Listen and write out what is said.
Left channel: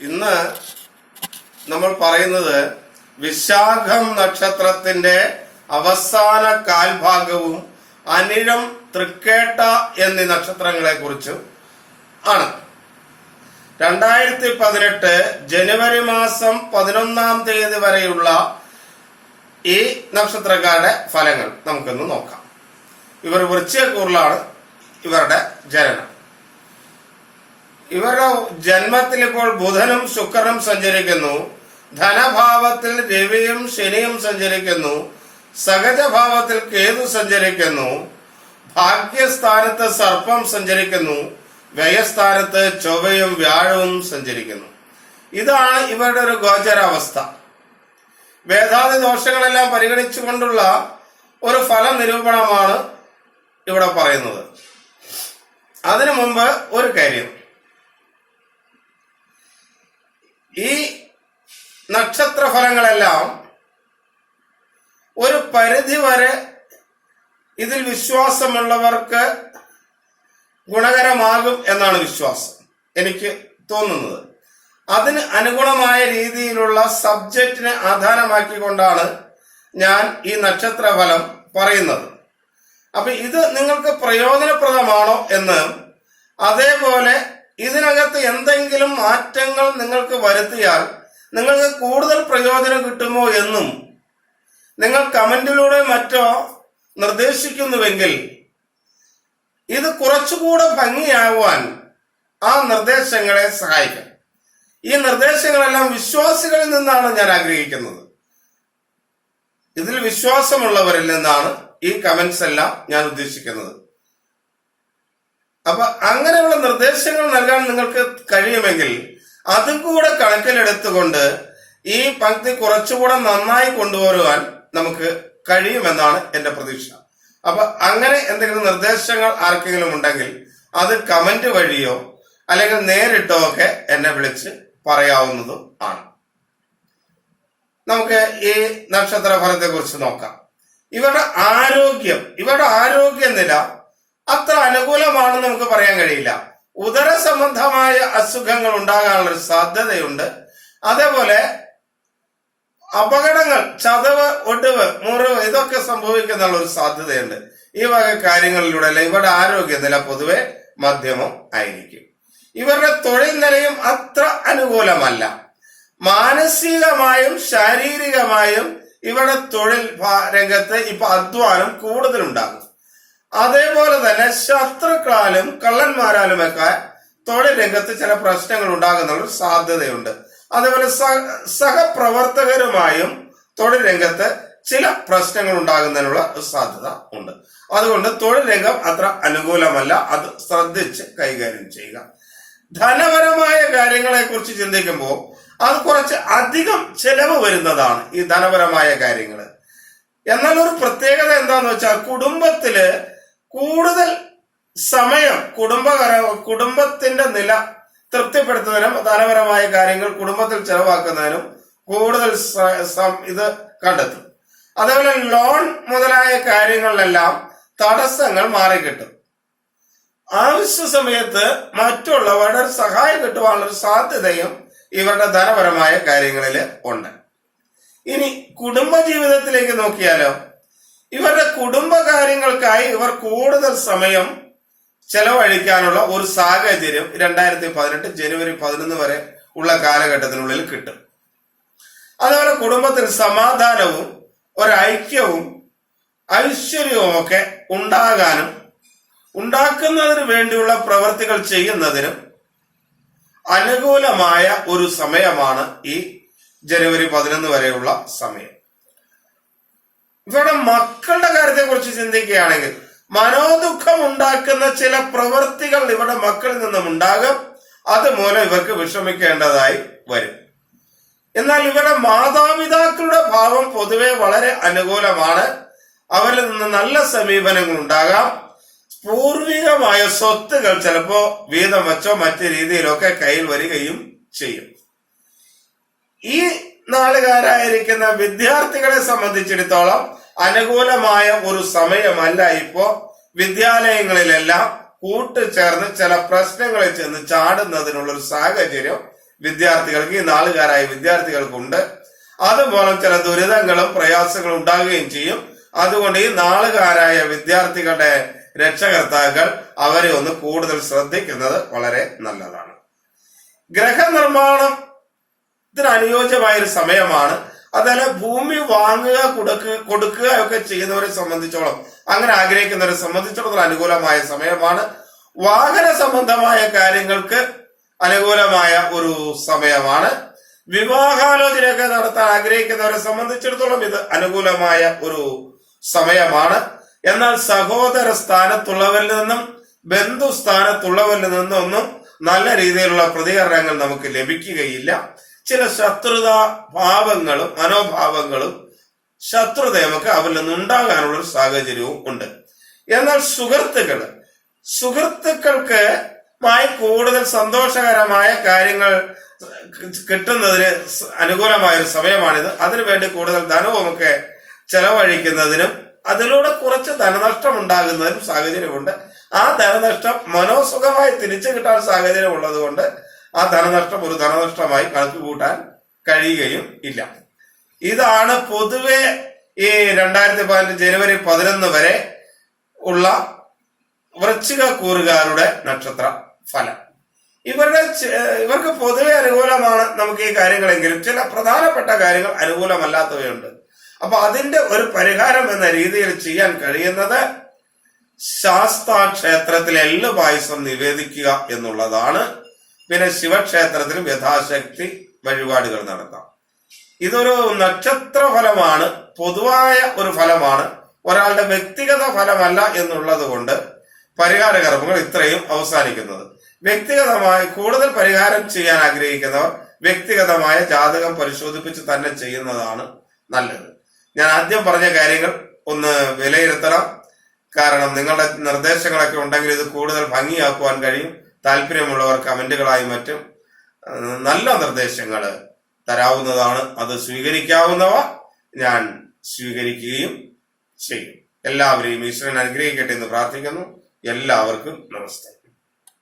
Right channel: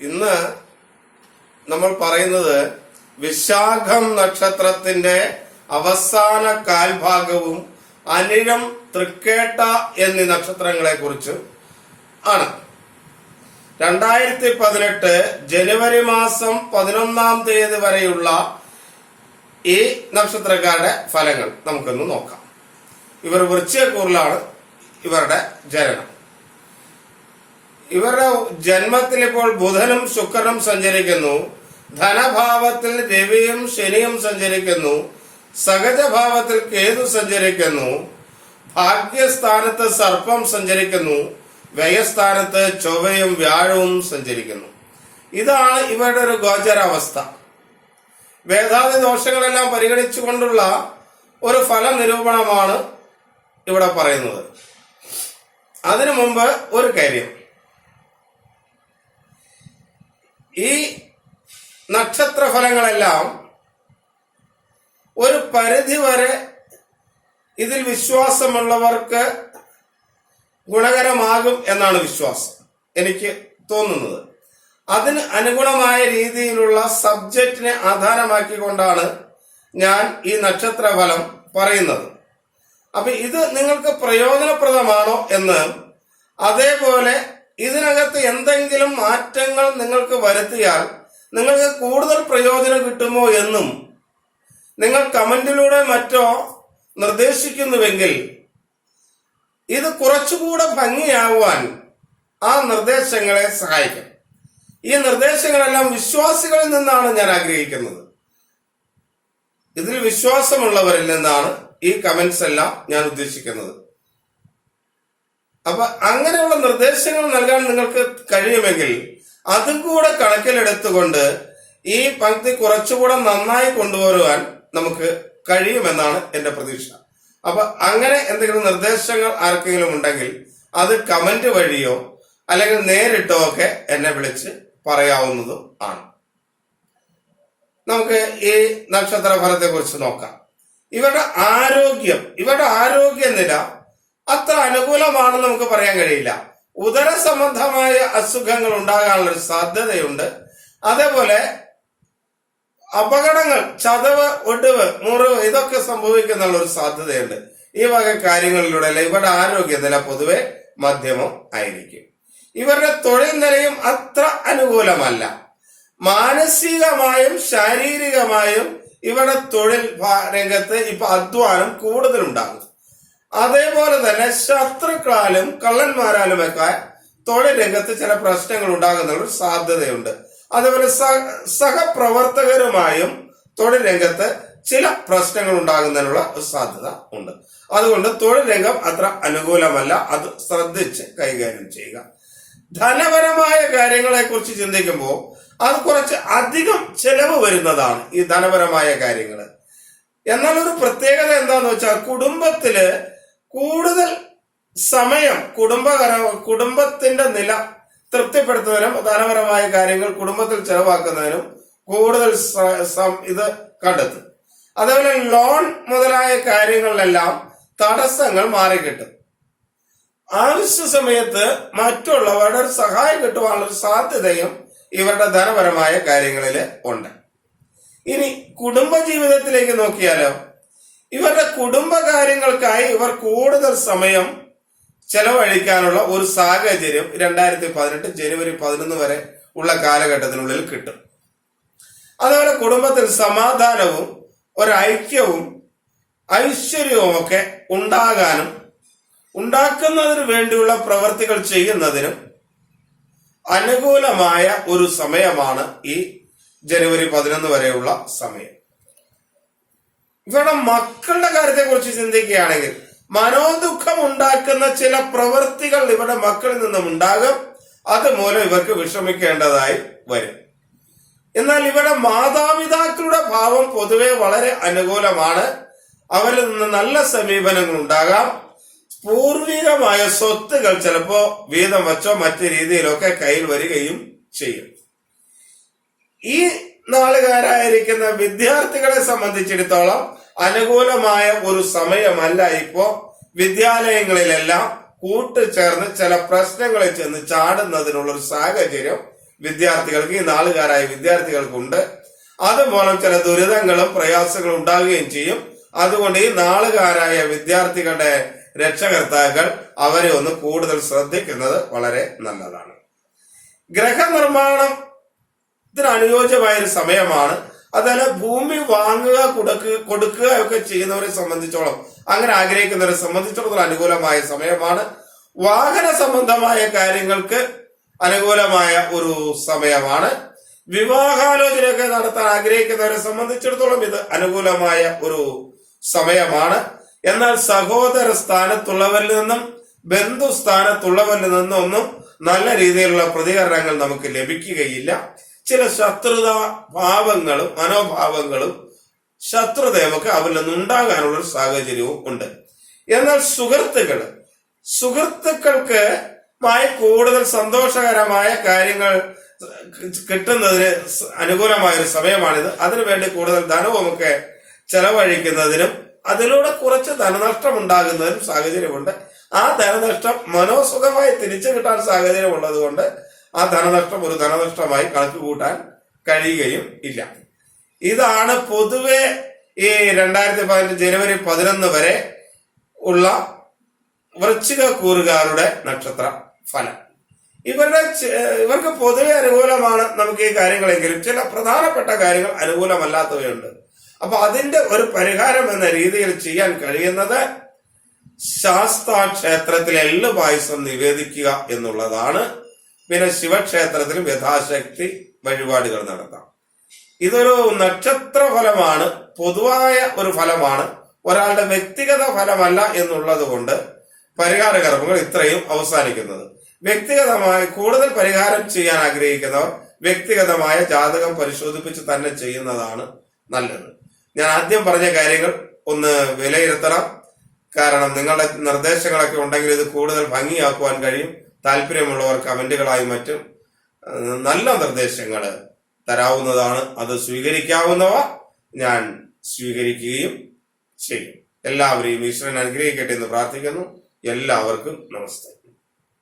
ഇന്ന് നമ്മൾ പറയുന്നത് വിശാഖം നക്ഷത്രത്തിന്റെ അവസാന കാൽഭാഗവും അനിഴം തൃക്കേട്ട എന്നീ നക്ഷത്രങ്ങളെ കുറിച്ചും ആണ്. രണ്ടായിരത്തി പതിനെട്ട് ജനുവരി മാസം പതിനൊന്നാം തീയതി വരെയുള്ള ഈ നക്ഷത്രക്കാരുടെ ഫലങ്ങൾ നമുക്കൊന്ന് നോക്കാം. ഇവർ വൃശ്ചികക്കൂറിലാണ് ഇവരുടെ ജനനം. ഇവരുടെ ജന്മത്തിൽ ഇപ്പോൾ ബുധനും ശുക്രനും സഞ്ചരിക്കുന്നു. ധനഭാവത്തിൽ രവിയും ശനിയും സഞ്ചരിക്കുന്നു. സഹജഭാവത്തിൽ കേതു സഞ്ചരിക്കുന്നു. ഭാഗ്യസ്ഥാനത്ത് സർപ്പം സഞ്ചരിക്കുന്നു. വ്യയസ്ഥാനത്ത് ചൊവ്വയും വ്യാഴവും സഞ്ചരിക്കുന്നു. ഇതാണ് ഇവരുടെ ഒരു ഗോചരാവസ്ഥ. വേദാതി ദോഷങ്ങളെല്ലാം പരിഗണിച്ചുകൊണ്ടുള്ള ഒരു ഫല നിരൂപണമാണ് ഇവിടെ പറയുന്നത്. അതിനു മുമ്പ് ഒരു കാര്യം. ഈ നക്ഷത്രഫലങ്ങളെല്ലാം ഒരു പരിധി വരെ ഇതിൽ വിശ്വാസമുള്ളവർക്ക് ഗുണകരമാകും എന്നാണ് വിശ്വാസം എനിക്ക് തോന്നുന്നത്. അതിന് അനുകൂലമായ രീതിയിലുള്ള സബ്ജക്റ്റിനെ ആധാരമാക്കിക്കൊണ്ടാണ് ഞാൻ ഈ നക്ഷത്രഫലം പറയുന്നത്. അപ്പൊ ഇത് നിങ്ങൾക്ക് പ്രയോജനപ്രദമാണോ എന്ന് അതേപോലെ ഇതിനകത്ത് എന്തെങ്കിലും മാറ്റങ്ങൾ നിങ്ങൾക്ക് വരുത്തിയാൽ നിങ്ങൾക്ക് കൂടുതൽ പ്രയോജനം കിട്ടുമോ എന്നും നിങ്ങൾ കമന്റിലൂടെ മറ്റോ നിർദ്ദേശിക്കുന്നുവെങ്കിൽ ഇത് കുറച്ചുകൂടെ ഭംഗിയാവാൻ ആ നിർദ്ദേശങ്ങളെ സഹായിക്കും. ഈ നിർദ്ദേശങ്ങളെല്ലാം വിശ്വാസികളിൽ നിന്നാണ് ഞാൻ ആഗ്രഹിക്കുന്നത്. ഇതിൽ വിശ്വാസമുള്ളവരിൽ നിന്നാണ് ഈ കമന്റ്സ് എല്ലാം ഞാൻ ഉദ്ദേശിക്കുന്നത്. അപ്പൊ അങ്ങനെയുള്ള നിർദ്ദേശങ്ങൾ നൽകാൻ നിങ്ങൾക്ക് കഴിയുമെങ്കിൽ അതും കൂടെ കണക്കിലെടുത്തുകൊണ്ട് ഈ പങ്ക്തി കുറച്ചുകൂടെ നന്നായി കൊണ്ടുവരുവാൻ നമുക്ക് കഴിയുമെന്നാണ് എന്റെ പ്രതീക്ഷ. അപ്പൊ അങ്ങനെ എന്തെങ്കിലും നിർദ്ദേശങ്ങൾ ആർക്കെങ്കിലും ഉണ്ടെങ്കിൽ അത് കമന്റ് വഴിയോ അല്ലെങ്കിൽ നേരിട്ടോ ഒക്കെ എന്നെ വിളിച്ച് പറയാവുന്നതും ആണ്. നമുക്ക് ഈ നക്ഷത്ര ഫലത്തെ കുറിച്ച് നോക്കാം. ഇവരുടെ ആരോഗ്യം ഇവരുടെ ആരോഗ്യനില അത്ര അനുകൂലമാണെന്ന് നമുക്ക് പറയാൻ കഴിയില്ല. ഉദര സംബന്ധമായ അസുഖങ്ങൾ ഉണ്ടാകാനുള്ള സാധ്യതയുണ്ട്. അതേപോലെ അപകടങ്ങൾ ചതവ് ഒടിവ് മുറിവ് ഇതൊക്കെ സംഭവിക്കുന്നുള്ള ഒരു സാധ്യതയുണ്ട്. ഈ വക കാര്യങ്ങളിലൂടെ അല്ല? ഇവരുടെ ആരോഗ്യനില പൊതുവെ മധ്യമം ആയിരിക്കും. ഇവരുടെ തൊഴിൽ നിലയും അത്ര അനുകൂലമല്ല. മാനസികമായും ശാരീരികമായും ഇവരുടെ തൊഴിൽ രംഗത്ത് ഇപ്പൊ അധ്വാനം കൂടുതലുണ്ടാകും. അതേപോലെ തന്നെ ശത്രുക്കളാലും കള്ളന്മാരാലുമൊക്കെ തൊഴിൽ രംഗത്ത് ചില പ്രശ്നങ്ങൾ ഉണ്ടാകുന്ന ഒരു സാധ്യതയുണ്ട്. അതേപോലെ സഹപ്രവർത്തകരുമായും തൊഴിൽ രംഗത്ത് ചില പ്രശ്നങ്ങൾ ഉണ്ടാകുന്നതിനുള്ള സാധ്യത ഉണ്ട്. അതുകൊണ്ട് തൊഴിൽ രംഗം അത്ര അനുകൂലമല്ല. അത് ശ്രദ്ധിച്ച് കൈകാര്യം ചെയ്യുക. ധനപരമായ കാര്യങ്ങളെ കുറിച്ച് ചിന്തിക്കുമ്പോൾ അത് കുറച്ച് അധികം ചെലവ് വരുന്നതാണ് ഈ ധനപരമായ കാര്യങ്ങൾ എന്നാൽ ഒരു പ്രത്യേകത എന്താന്ന് വെച്ചാൽ കുടുംബത്തിൽ കൂടുതൽ സമയം കുടുംബകര കുടുംബത്തിന്റെ നില തൃപ്തിപ്പെടുത്തുന്നതിനും ധനപരമായ കാര്യങ്ങൾ കുടുംബത്തിൽ ചെലവാക്കുന്നതിനും കൂടുതൽ ഇത് കണ്ടെത്തും. അതേപോലെ ലോൺ മുതലായ കാര്യങ്ങളിലെല്ലാം തടസ്സങ്ങൾ മാറിക്കിട്ടും. ആവശ്യ സമയത്ത് മറ്റുള്ളവരുടെ സഹായം കിട്ടുവാനുള്ള സാധ്യതയും ഇവരുടെ ധനപരമായ കാര്യങ്ങളിൽ ഉണ്ട്. ഇനി കുടുംബ ജീവിതത്തിലേക്ക് നോക്കിയാലോ ഇവരുടെ കുടുംബകാര്യങ്ങൾക്കായി ഇവർ കൂടുതൽ സമയം ചെലവഴിക്കാനുള്ള ഒരു സാഹചര്യം രണ്ടായിരത്തി പതിനെട്ട് ജനുവരി പതിനൊന്ന് വരെ ഉള്ള കാലഘട്ടത്തിനുള്ളിൽ കിട്ടും. അതുപോലെ കുടുംബത്തിൽ സമാധാനവും ഒരൈക്യവും ഐശ്വര്യവും ഒക്കെ ഉണ്ടാകാനും ഉണ്ടാക്കുന്നതിന് വേണ്ടിയുള്ള പ്രവർത്തികൾ ചെയ്യുന്നതിനും അനുകൂലമായ ഒരു സമയമാണ് ഈ ജനുവരി പതിനൊന്ന് വരെയുള്ള സമയം. ഇവരുടെ മക്കളുടെ കാര്യത്തെ കുറിച്ച് ചിന്തിക്കുകയാണെങ്കിൽ മനോദുഃഖം ഉണ്ടാക്കുന്ന ചില പ്രവൃത്തികൾ ഇവരുടെ മക്കളിൽ നിന്നും ഉണ്ടാകും. അതുമൂലം ഇവർക്ക് വിഷമിക്കേണ്ടതായി വരും. എന്നാൽ ഇവിടെ മാതാപിതാക്കളുടെ ഭാവം പൊതുവെ വളരെ അനുകൂലമാണ്. അവരിൽ നിന്ന് നല്ല സമീപനങ്ങൾ ഉണ്ടാകാം. പൂർവികമായ സ്വത്തുകൾ ചിലപ്പോ വീതം വച്ചോ മറ്റു രീതിയിലൊക്കെ കയ്യിൽ വരികയും ചെയ്യും. ഈ നാളുകാരായിരിക്കുന്ന വിദ്യാർത്ഥികളെ സംബന്ധിച്ചിടത്തോളം അനുകൂലമായ ഒരു സമയമല്ല ഇപ്പോ. വിദ്യാലയങ്ങളിലെല്ലാം കൂട്ടുചേർന്ന് ചില പ്രശ്നങ്ങളിൽ ചെന്ന് ചാടുന്നതിനുള്ള ഒരു സാഹചര്യം വിദ്യാർത്ഥികൾക്ക് ഈ നാളുകാരായ വിദ്യാർത്ഥികൾക്കുണ്ട്. അതുമൂലം ചില ദുരിതങ്ങളും പ്രയാസങ്ങളും ഉണ്ടാകുകയും ചെയ്യും. അതുകൊണ്ട് ഈ നാളുകാരായ വിദ്യാർത്ഥികളുടെ രക്ഷകർത്താക്കൾ അവരെ ഒന്ന് കൂടുതൽ ശ്രദ്ധിക്കുന്നത് വളരെ നല്ലതാണ്. ഗ്രഹനിർമ്മാണത്തിന് അനുയോജ്യമായ ഒരു സമയമാണ്. അതല്ല ഭൂമി വാങ്ങുക കൊടുക്കുക കൊടുക്കുക ഒക്കെ ചെയ്യുന്നവരെ സംബന്ധിച്ചോളം അങ്ങനെ ആഗ്രഹിക്കുന്നവരെ സംബന്ധിച്ചിടത്തോളം അനുകൂലമായ സമയമാണ്. വാഹന സംബന്ധമായ കാര്യങ്ങൾക്ക് അനുകൂലമായ ഒരു സമയമാണ്. വിവാഹാലോചനയൊക്കെ നടത്താൻ ആഗ്രഹിക്കുന്നവരെ സംബന്ധിച്ചിടത്തോളം ഇത് അനുകൂലമായ ഒരു സമയമാണ്. എന്നാൽ സഹോദര സ്ഥാനത്തുള്ളവരിൽ നിന്നും ബന്ധു സ്ഥാനത്തുള്ളവരിൽ നിന്നും ഒന്നും നല്ല രീതിയിലുള്ള പ്രതികരണങ്ങൾ നമുക്ക് ലഭിക്കുകയില്ല. ചില ശത്രുത ഭാവങ്ങളും മനോഭാവങ്ങളും ശത്രുത നമുക്ക് അവരിൽ നിന്ന് ഉണ്ടാകാനുള്ള ഒരു സാഹചര്യവും ഉണ്ട്. എന്നാൽ സുഹൃത്തുക്കൾ സുഹൃത്തുക്കൾക്ക് മായി കൂടുതൽ സന്തോഷകരമായ കാര്യങ്ങൾ കിട്ടുന്നതിന് അനുകൂലമായ ഒരു സമയമാണിത് അതിനുവേണ്ടി കൂടുതൽ ധനവുമൊക്കെ ചെലവഴിക്കുന്നതിനും അതിലൂടെ കുറച്ച് ധനനഷ്ടം ഉണ്ടാകുന്നതിനും സാഹചര്യമുണ്ട്. ആ ധനനഷ്ടം മനോസുഖമായി തിരിച്ചു കിട്ടാൻ സാഹചര്യം ഉള്ളതുകൊണ്ട് ആ ധനനഷ്ടം ഒരു ധനനഷ്ടമായി കണക്ക് കൂട്ടാൻ കഴിയുകയും ഇല്ല. ഇതാണ് പൊതുവെ ഈ രണ്ടായിരത്തി പതിനഞ്ച് ജനുവരി പതിനൊന്ന് വരെ ഉള്ള വൃശ്ചിക കൂറുകാരുടെ നക്ഷത്ര ഫലം. ഇവരുടെ ഇവർക്ക് പൊതുവെ അനുകൂലമാണ് നമുക്ക് ഈ കാര്യങ്ങളെങ്കിലും. ചില പ്രധാനപ്പെട്ട കാര്യങ്ങൾ അനുകൂലമല്ലാത്തവയുണ്ട്. അപ്പൊ അതിന്റെ ഒരു പരിഹാരം എന്ന രീതിയിൽ ചെയ്യാൻ കഴിയുന്നത് ശാസ്താ ക്ഷേത്രത്തിൽ എള്ളു പായസം നിവേദിക്കുക എന്നുള്ളതാണ്. പിന്നെ ശിവക്ഷേത്രത്തിലും യഥാശക്തി വഴിപാടുകൾ നടത്താം. ഇതൊരു നക്ഷത്ര ഫലമാണ് പൊതുവായ ഒരു ഫലമാണ് ഒരാളുടെ വ്യക്തിഗത ഫലമല്ല എന്നുള്ളത് കൊണ്ട് പരിഹാര കർമ്മങ്ങൾ ഇത്രയും അവസാനിക്കുന്നത്. വ്യക്തിഗതമായി കൂടുതൽ പരിഹാരം ചെയ്യാൻ ആഗ്രഹിക്കുന്നവർ വ്യക്തിഗതമായ ജാതകം പരിശോധിപ്പിച്ച് തന്നെ ചെയ്യുന്നതാണ് നല്ലത്. ഞാൻ ആദ്യം പറഞ്ഞ കാര്യങ്ങൾ ഒന്ന് വിലയിരുത്തണം. കാരണം നിങ്ങളുടെ നിർദ്ദേശങ്ങളൊക്കെ ഉണ്ടെങ്കിൽ ഇത് കൂടുതൽ ഭംഗിയാക്കുവാൻ കഴിയും. താല്പര്യമുള്ളവർ കമന്റുകളായി മറ്റും നല്ല നിർദ്ദേശങ്ങൾ തരാവുന്നതാണ്. അത് സ്വീകരിക്കാവുന്നവ ഞാൻ സ്വീകരിക്കുകയും ചെയ്യും. എല്ലാവരെയും ഈശ്വരൻ അനുഗ്രഹിക്കട്ടെ എന്ന് പ്രാർത്ഥിക്കുന്നു. എല്ലാവർക്കും നമസ്തേ.